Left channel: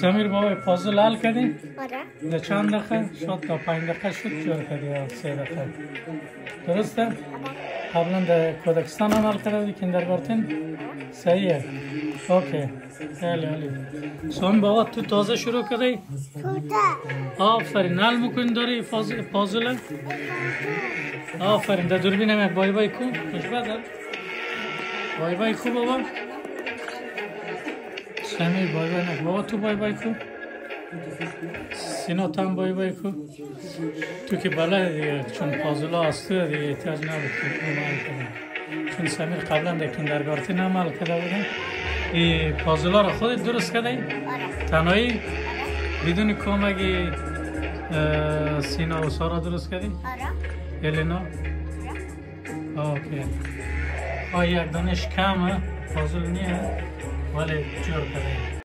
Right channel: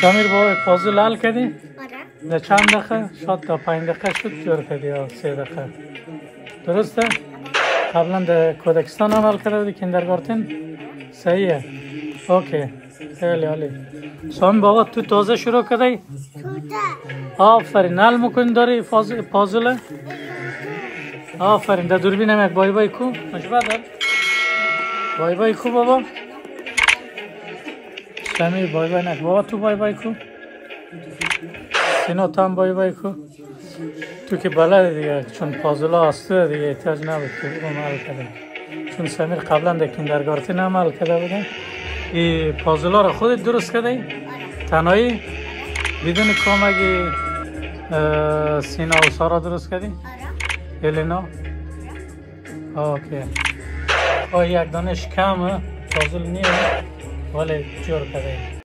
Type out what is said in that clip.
سمیر بابا پازل حل کردی؟ آره. در چند دقیقه؟ شاید تا 5 دقیقه شد جور کردی یا 3 دقیقه. درسته؟ قبلا در کودکستان عمل کرده کیندرگارتن؟ صحیحه؟ اوکی. خیلی عالی. سامی بابا تو تازه شروع کردی؟ آفرین. حل میکنی داری پازل؟ آفرین. در دوربین هم یک بای بای کو؟ مشبه در؟ بای بای کو بابا؟ سمی بای بای نه. بابا تو بای بای کو؟ سینا تو هم بای بای کو؟ تو که بلد دیگه چون پازل ها هسته دیگه احتیاج نبود که عمل کرده. چون سمیر قبلا در کیندرگارتن عمل کرده بودیم. این پازل ها رو خودت درست کردی؟ آره. تنهایی؟ بدون کمک سینا و سارا درست کردی؟ آره. الینا؟ اوکی. با یک دانش کمه پازل نیه ولی جور کرده.